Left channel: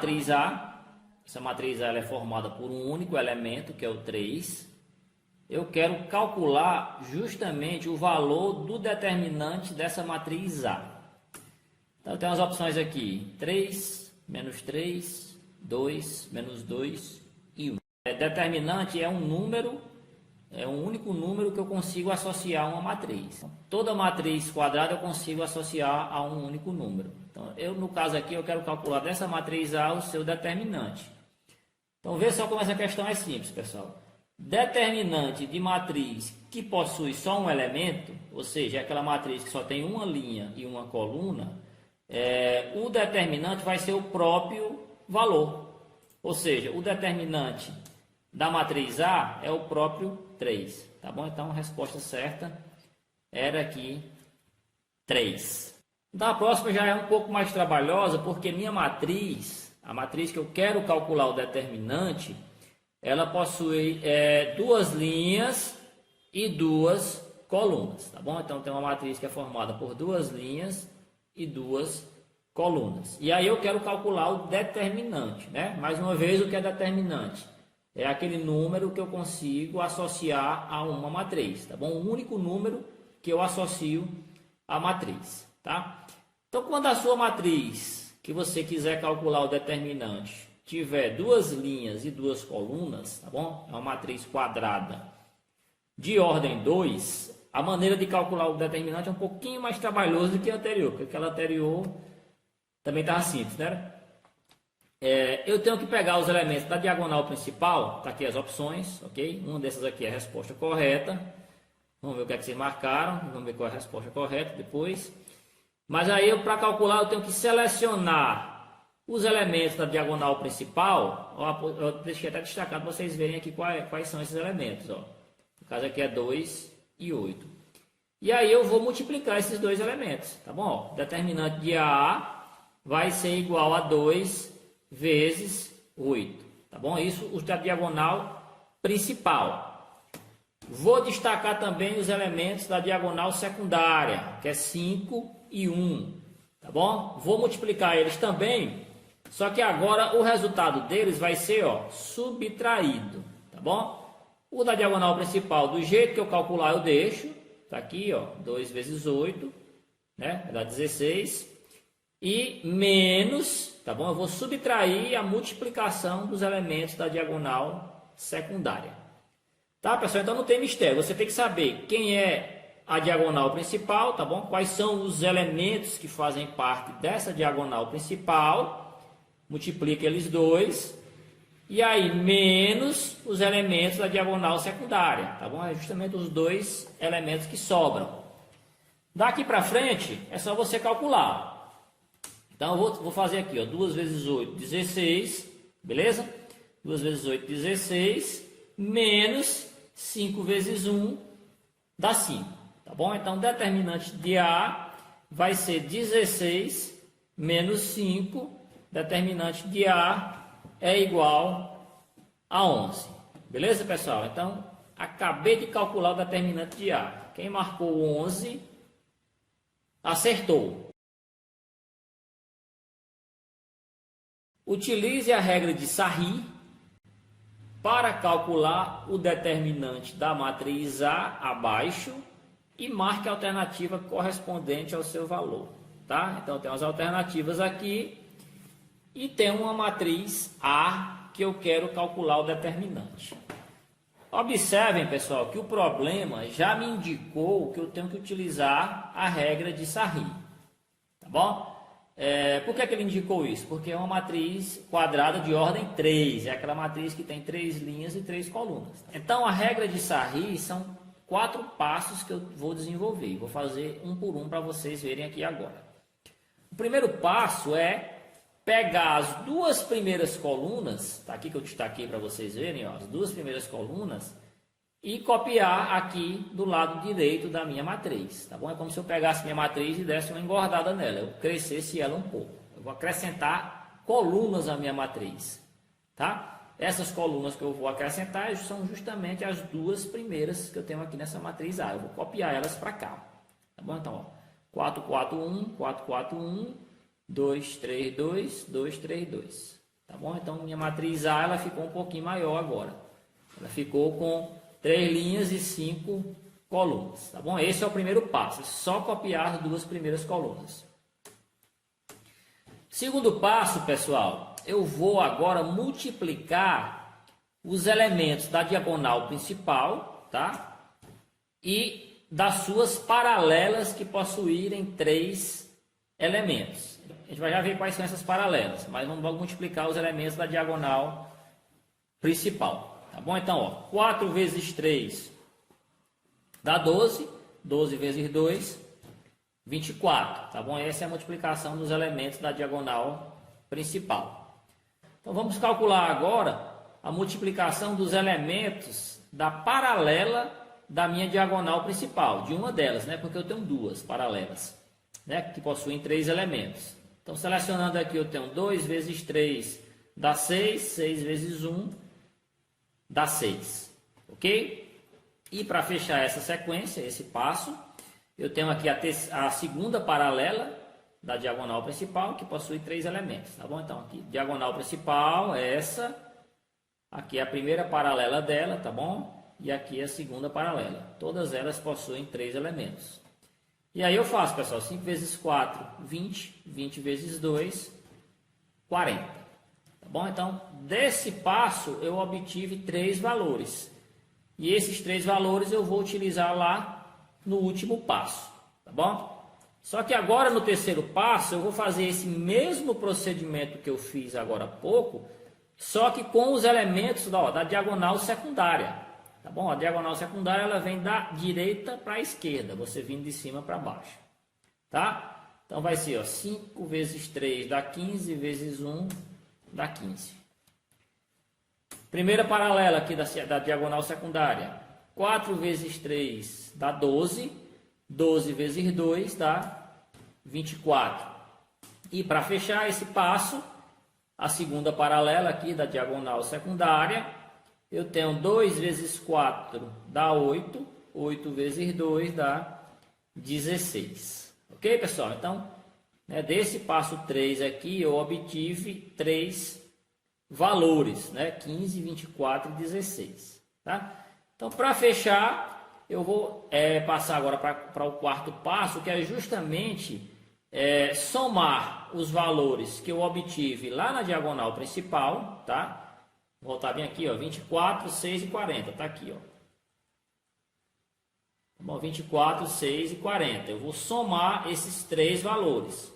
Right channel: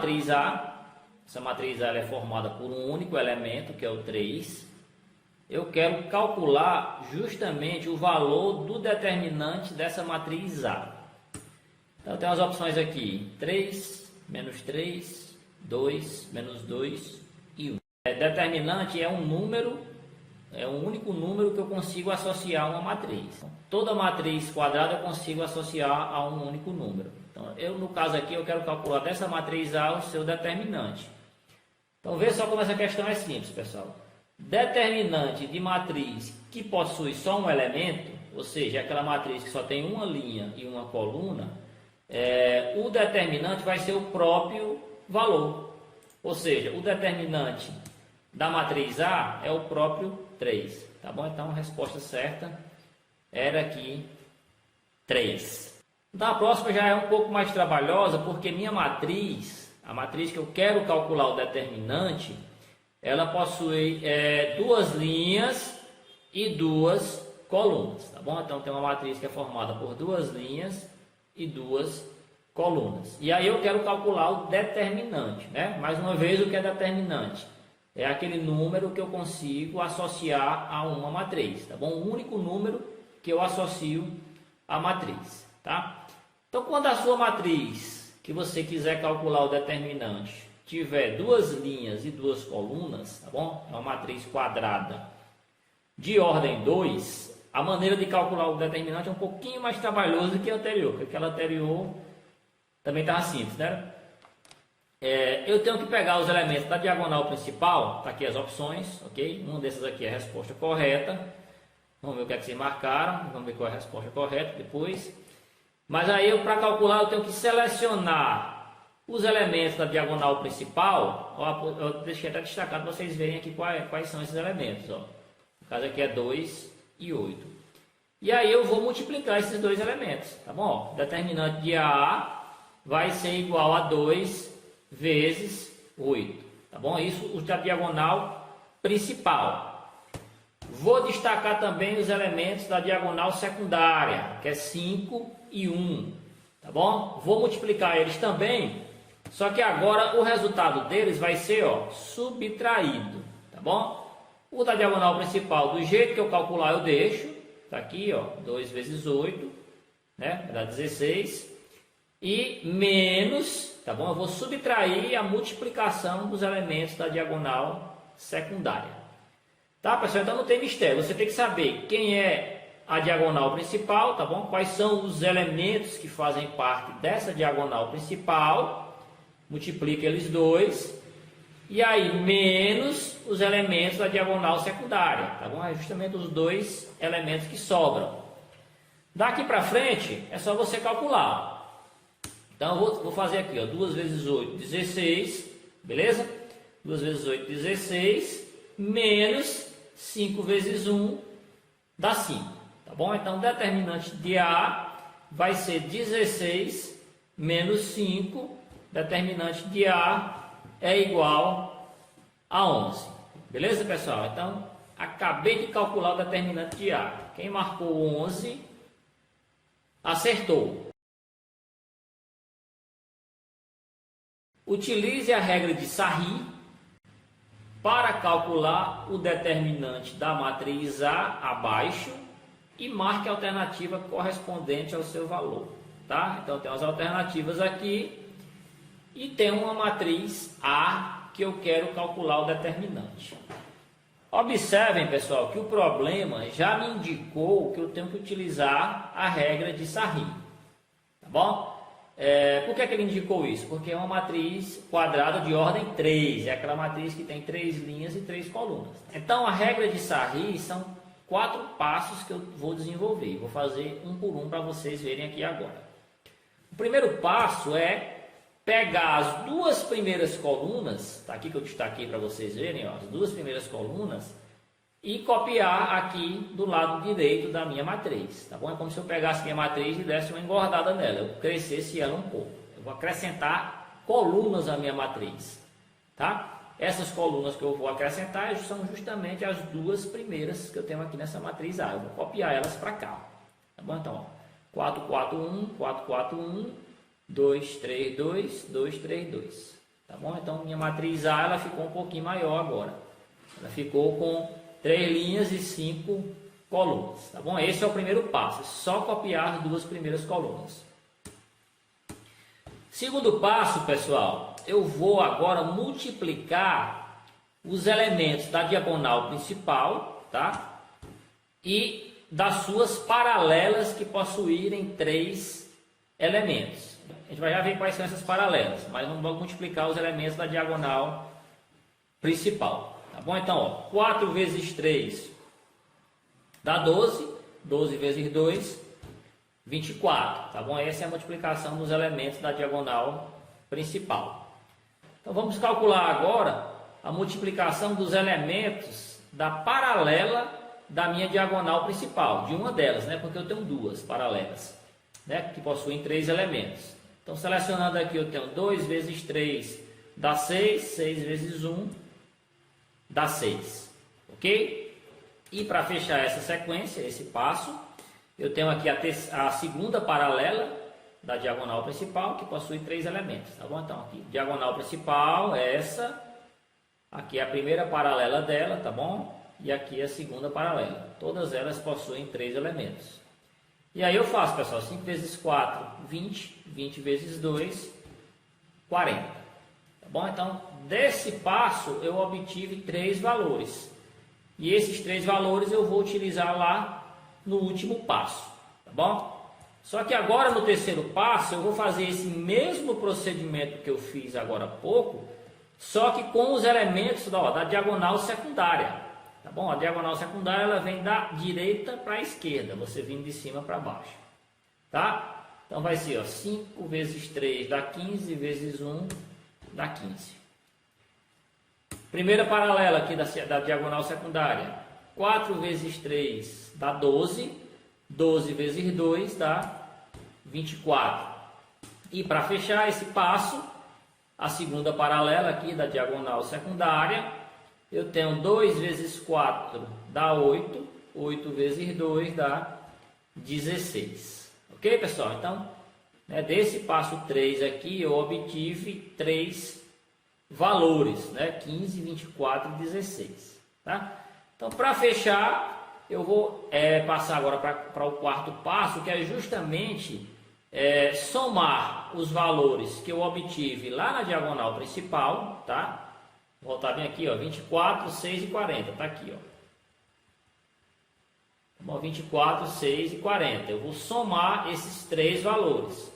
matriz A. Essa matriz A ela é formada por um único elemento, que é o 3. Eu quero calcular justamente o valor do determinante dessa matriz A. Então, tem as opções aqui: 3, menos 3, 2, menos 2 e 1. Determinante é um número, é um único número que eu consigo associar a uma matriz. Toda matriz quadrada eu consigo associar a um único número. Então, no caso aqui, eu quero calcular dessa matriz A o seu determinante. Então, veja só como essa questão é simples, pessoal. Determinante de matriz que possui só um elemento, ou seja, aquela matriz que só tem uma linha e uma coluna, o determinante vai ser o próprio valor. Ou seja, o determinante da matriz A é o próprio 3. Tá bom? Então, a resposta certa era aqui 3. Então, a próxima já é um pouco mais trabalhosa, porque minha matriz, a matriz que eu quero calcular o determinante, ela possui duas linhas e duas colunas, tá bom? Então, tem uma matriz que é formada por duas linhas e duas colunas. E aí eu quero calcular o determinante, né? Mais uma vez, o que é determinante? É aquele número que eu consigo associar a uma matriz, tá bom? O único número que eu associo à matriz, tá? Então, quando a sua matriz, que você quiser calcular o determinante, tiver duas linhas e duas colunas, tá bom? Uma matriz quadrada de ordem 2, a maneira de calcular o determinante é um pouquinho mais trabalhoso do que a anterior, porque aquela anterior também estava simples, né? Eu tenho que pegar os elementos da diagonal principal, tá aqui as opções, ok? Uma dessas aqui é a resposta correta. Vamos ver o que é que vocês marcaram, vamos ver qual é a resposta correta depois. Mas aí, para calcular, eu tenho que selecionar os elementos da diagonal principal. Eu deixei até destacado para vocês verem aqui quais são esses elementos. Ó. No caso aqui é 2 e 8. E aí eu vou multiplicar esses dois elementos, tá bom? O determinante de A vai ser igual a 2 vezes 8, tá bom? Isso da diagonal principal. Vou destacar também os elementos da diagonal secundária, que é 5 e 1, tá bom? Vou multiplicar eles também, só que agora o resultado deles vai ser, ó, subtraído, tá bom? O da diagonal principal, do jeito que eu calcular, eu deixo, tá aqui, ó, 2 vezes 8, né? Vai dar 16, e menos, tá bom? Eu vou subtrair a multiplicação dos elementos da diagonal secundária. Tá, pessoal? Então não tem mistério. Você tem que saber quem é a diagonal principal, tá bom? Quais são os elementos que fazem parte dessa diagonal principal. Multiplica eles dois. E aí, menos os elementos da diagonal secundária, tá bom? É justamente os dois elementos que sobram. Daqui para frente, é só você calcular. Então, eu vou fazer aqui, ó, 2 vezes 8, 16, beleza? 2 vezes 8, 16, menos 5 vezes 1 dá 5, tá bom? Então, o determinante de A vai ser 16 menos 5, determinante de A é igual a 11, beleza, pessoal? Então, acabei de calcular o determinante de A. Quem marcou 11, acertou. Utilize a regra de Sarri para calcular o determinante da matriz A abaixo e marque a alternativa correspondente ao seu valor, tá? Então, tem as alternativas aqui e tem uma matriz A que eu quero calcular o determinante. Observem, pessoal, que o problema já me indicou que eu tenho que utilizar a regra de Sarri, tá bom? Por que ele indicou isso? Porque é uma matriz quadrada de ordem 3, é aquela matriz que tem 3 linhas e 3 colunas. Então, a regra de Sarri são 4 passos que eu vou desenvolver. Vou fazer um por um para vocês verem aqui agora. O primeiro passo é pegar as duas primeiras colunas, tá aqui que eu destaquei para vocês verem, ó, as duas primeiras colunas, e copiar aqui do lado direito da minha matriz, tá bom? É como se eu pegasse minha matriz e desse uma engordada nela, eu crescesse ela um pouco. Eu vou acrescentar colunas à minha matriz, tá? Essas colunas que eu vou acrescentar são justamente as duas primeiras que eu tenho aqui nessa matriz A. Eu vou copiar elas para cá, tá bom? Então, ó, 4, 4, 1, 4, 4, 1, 2, 3, 2, 2, 3, 2. tá bom? Então, minha matriz A, ela ficou um pouquinho maior agora. Ela ficou com 3 linhas e 5 colunas, tá bom? Esse é o primeiro passo, é só copiar as 2 primeiras colunas. Segundo passo, pessoal, eu vou agora multiplicar os elementos da diagonal principal, tá? E das suas paralelas que possuírem 3 elementos. A gente vai já ver quais são essas paralelas, mas não vamos multiplicar os elementos da diagonal principal, tá bom? Então, ó, 4 vezes 3 dá 12, 12 vezes 2, 24, tá bom? Essa é a multiplicação dos elementos da diagonal principal. Então, vamos calcular agora a multiplicação dos elementos da paralela da minha diagonal principal, de uma delas, né? Porque eu tenho 2 paralelas, né? Que possuem 3 elementos. Então, selecionando aqui, eu tenho 2 vezes 3 dá 6, 6 vezes 1 dá 6, ok? E para fechar essa sequência, esse passo, eu tenho aqui a segunda paralela da diagonal principal, que possui 3 elementos, tá bom? Então, aqui, diagonal principal, essa, aqui é a primeira paralela dela, tá bom? E aqui é a segunda paralela. Todas elas possuem 3 elementos. E aí eu faço, pessoal, 5 vezes 4, 20, 20 vezes 2, 40. Tá bom? Então, desse passo, eu obtive 3 valores. E esses 3 valores eu vou utilizar lá no último passo, tá bom? Só que agora no terceiro passo eu vou fazer esse mesmo procedimento que eu fiz agora há pouco, só que com os elementos da diagonal secundária, tá bom? A diagonal secundária ela vem da direita para a esquerda, você vindo de cima para baixo, tá? Então vai ser, ó, 5 vezes 3 dá 15, vezes 1 dá 15. Primeira paralela aqui da diagonal secundária, 4 vezes 3 dá 12, 12 vezes 2 dá 24. E para fechar esse passo, a segunda paralela aqui da diagonal secundária, eu tenho 2 vezes 4 dá 8, 8 vezes 2 dá 16. Ok, pessoal? Então, né, desse passo 3 aqui, eu obtive 3 valores, né? 15, 24 e 16, tá? Então, para fechar, eu vou passar agora para o quarto passo, que é justamente somar os valores que eu obtive lá na diagonal principal, tá? Vou voltar bem aqui, ó, 24, 6 e 40, tá aqui, ó. Bom, 24, 6 e 40. Eu vou somar esses 3 valores.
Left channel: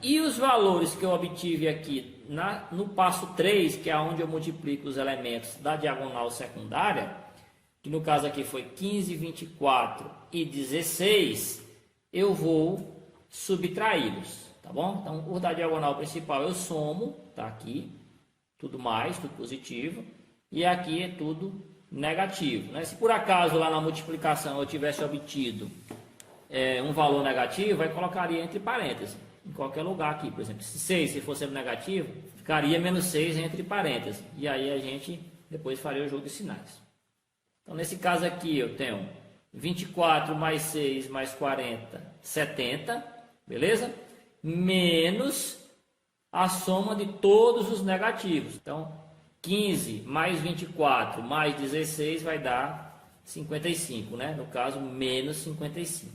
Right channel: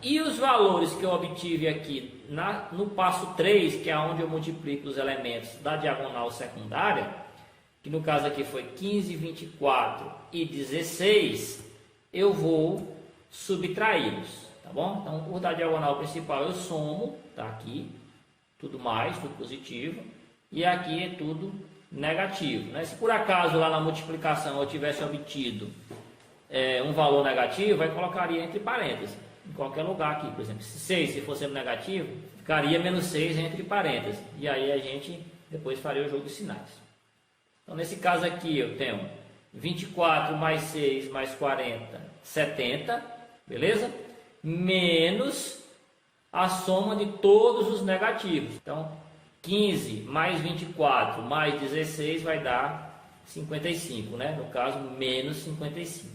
E os valores que eu obtive aqui no passo 3, que é onde eu multiplico os elementos da diagonal secundária, que no caso aqui foi 15, 24 e 16, eu vou subtraí-los, tá bom? Então, o da diagonal principal eu somo, tá aqui, tudo mais, tudo positivo, e aqui é tudo negativo, né? Se por acaso lá na multiplicação eu tivesse obtido um valor negativo, eu colocaria entre parênteses, em qualquer lugar aqui, por exemplo, se 6 se fosse negativo, ficaria menos 6 entre parênteses, e aí a gente depois faria o jogo de sinais. Então, nesse caso aqui, eu tenho 24 mais 6 mais 40, 70, beleza? Menos a soma de todos os negativos. Então, 15 mais 24 mais 16 vai dar 55, né? No caso, menos 55.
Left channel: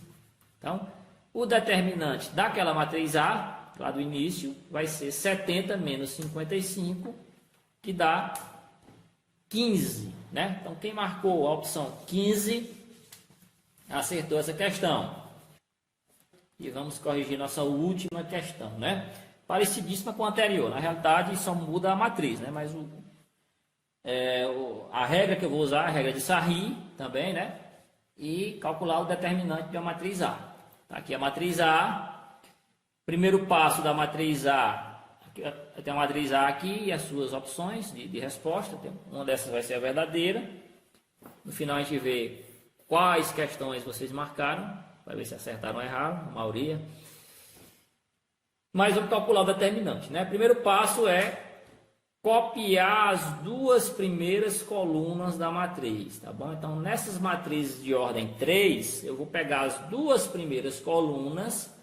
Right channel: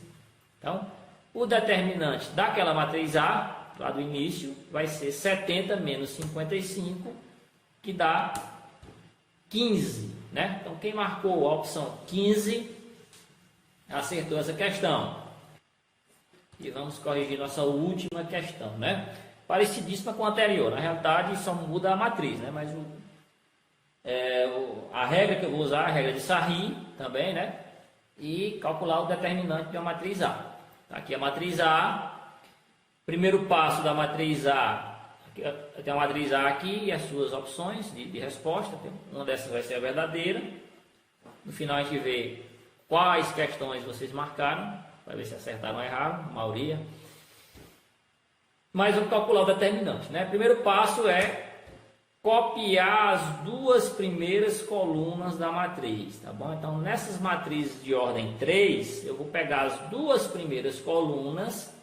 Então, o determinante daquela matriz A, lá do início, vai ser 70 menos 55, que dá 15, né? Então, quem marcou a opção 15, acertou essa questão. E vamos corrigir nossa última questão, né? Parecidíssima com a anterior. Na realidade, só muda a matriz, né? Mas a regra que eu vou usar é a regra de Sarri também, né? E calcular o determinante de uma matriz A. Aqui a matriz A. Primeiro passo da matriz A. Eu tenho a matriz A aqui e as suas opções de resposta. Uma dessas vai ser a verdadeira. No final a gente vê quais questões vocês marcaram, para ver se acertaram ou erraram, a maioria. Mas vamos calcular o determinante, né? Primeiro passo é copiar as 2 primeiras colunas da matriz, tá bom? Então, nessas matrizes de ordem 3, eu vou pegar as 2 primeiras colunas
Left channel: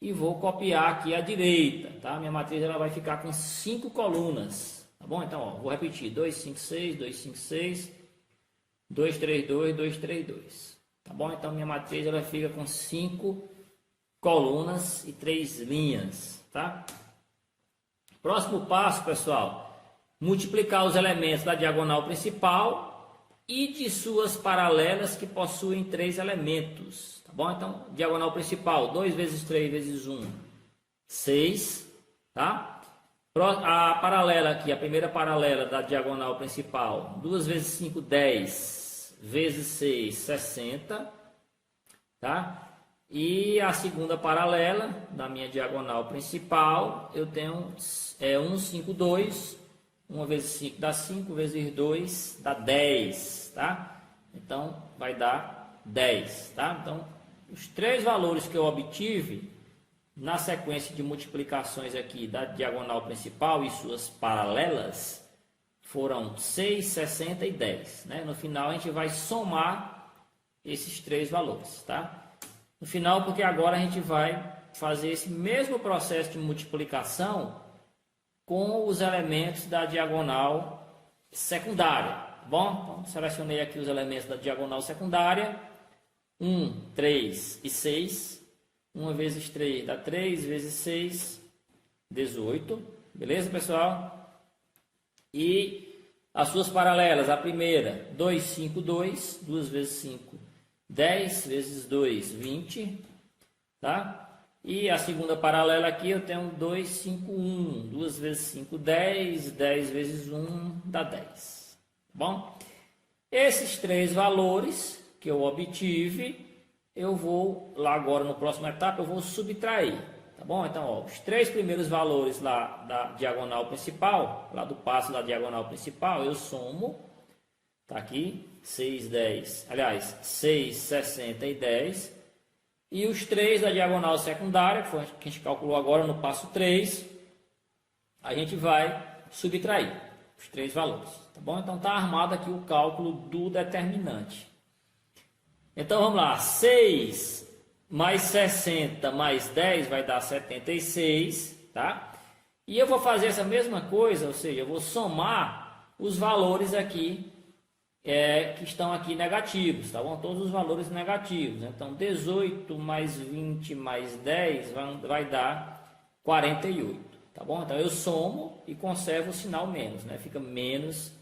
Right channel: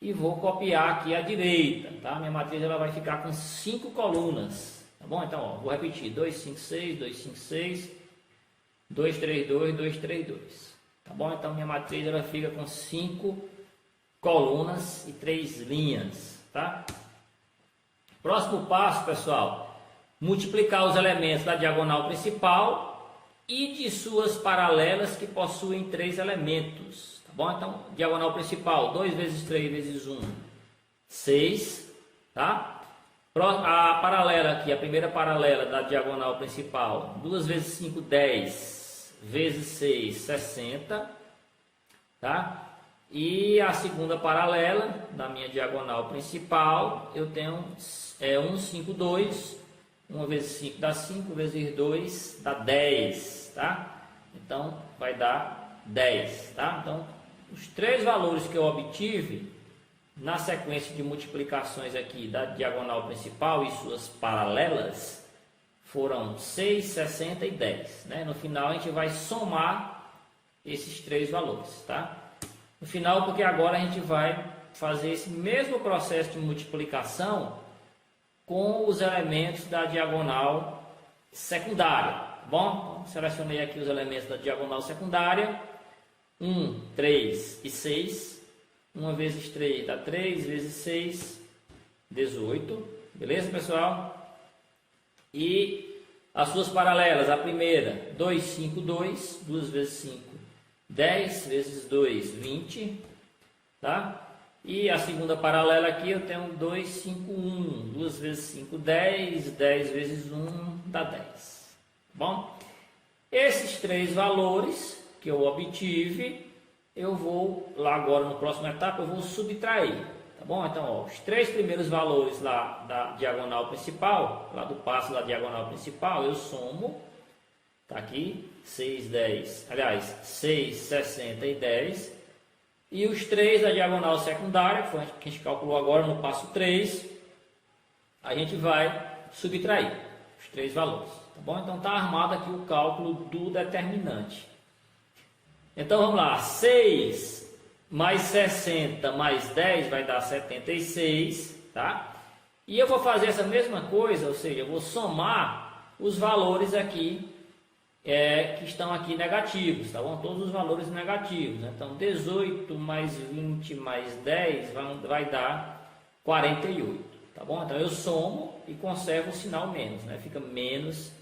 e vou copiar aqui à direita, tá? Minha matriz ela vai ficar com 5 colunas, tá bom? Então, ó, vou repetir, 2, 5, 6, 2, 5, 6, 2, 3, 2, 2, 3, 2, tá bom? Então, minha matriz ela fica com 5 colunas e 3 linhas, tá? Próximo passo, pessoal, multiplicar os elementos da diagonal principal e de suas paralelas que possuem 3 elementos. Tá bom? Então, diagonal principal, 2 vezes 3 vezes 1, 6. Tá? A paralela aqui, a primeira paralela da diagonal principal, 2 vezes 5, 10, vezes 6, 60. Tá? E a segunda paralela da minha diagonal principal, eu tenho 1, 5, 2. 1 vezes 5 dá 5, vezes 2 dá 10. Tá? Então, vai dar 10. Tá? Então, os 3 valores que eu obtive na sequência de multiplicações aqui da diagonal principal e suas paralelas foram 6, 60 e 10. Né? No final a gente vai somar esses 3 valores. Tá? No final, porque agora a gente vai fazer esse mesmo processo de multiplicação com os elementos da diagonal secundária. Tá bom? Então, selecionei aqui os elementos da diagonal secundária. 1, 3 e 6. 1 vezes 3 dá 3, vezes 6, 18. Beleza, pessoal? E as suas paralelas, a primeira, 2, 5, 2. 2 vezes 5, 10, vezes 2, 20. Tá? E a segunda paralela aqui, eu tenho 2, 5, 1. 2 vezes 5, 10. 10 vezes 1 dá 10. Tá bom? Esses 3 valores que eu obtive, eu vou lá agora no próximo etapa, eu vou subtrair, tá bom? Então, ó, os 3 primeiros valores lá da diagonal principal, lá do passo da diagonal principal, eu somo, tá aqui, 6, 10, aliás, 6, 60 e 10, e os 3 da diagonal secundária, que foi que a gente calculou agora no passo 3, a gente vai subtrair os 3 valores, tá bom? Então, tá armado aqui o cálculo do determinante. Então, vamos lá, 6 mais 60 mais 10 vai dar 76, tá? E eu vou fazer essa mesma coisa, ou seja, eu vou somar os valores aqui, que estão aqui negativos, tá bom? Todos os valores negativos. Então, 18 mais 20 mais 10 vai dar 48, tá bom? Então, eu somo e conservo o sinal menos, né? Fica menos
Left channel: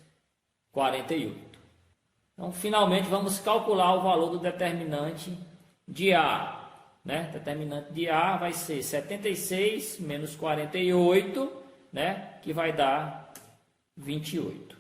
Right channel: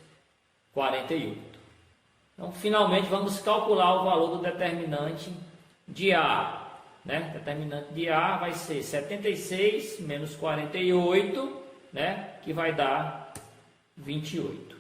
48. Então, finalmente, vamos calcular o valor do determinante de A. Né? Determinante de A vai ser 76 menos 48, né? Que vai dar 28.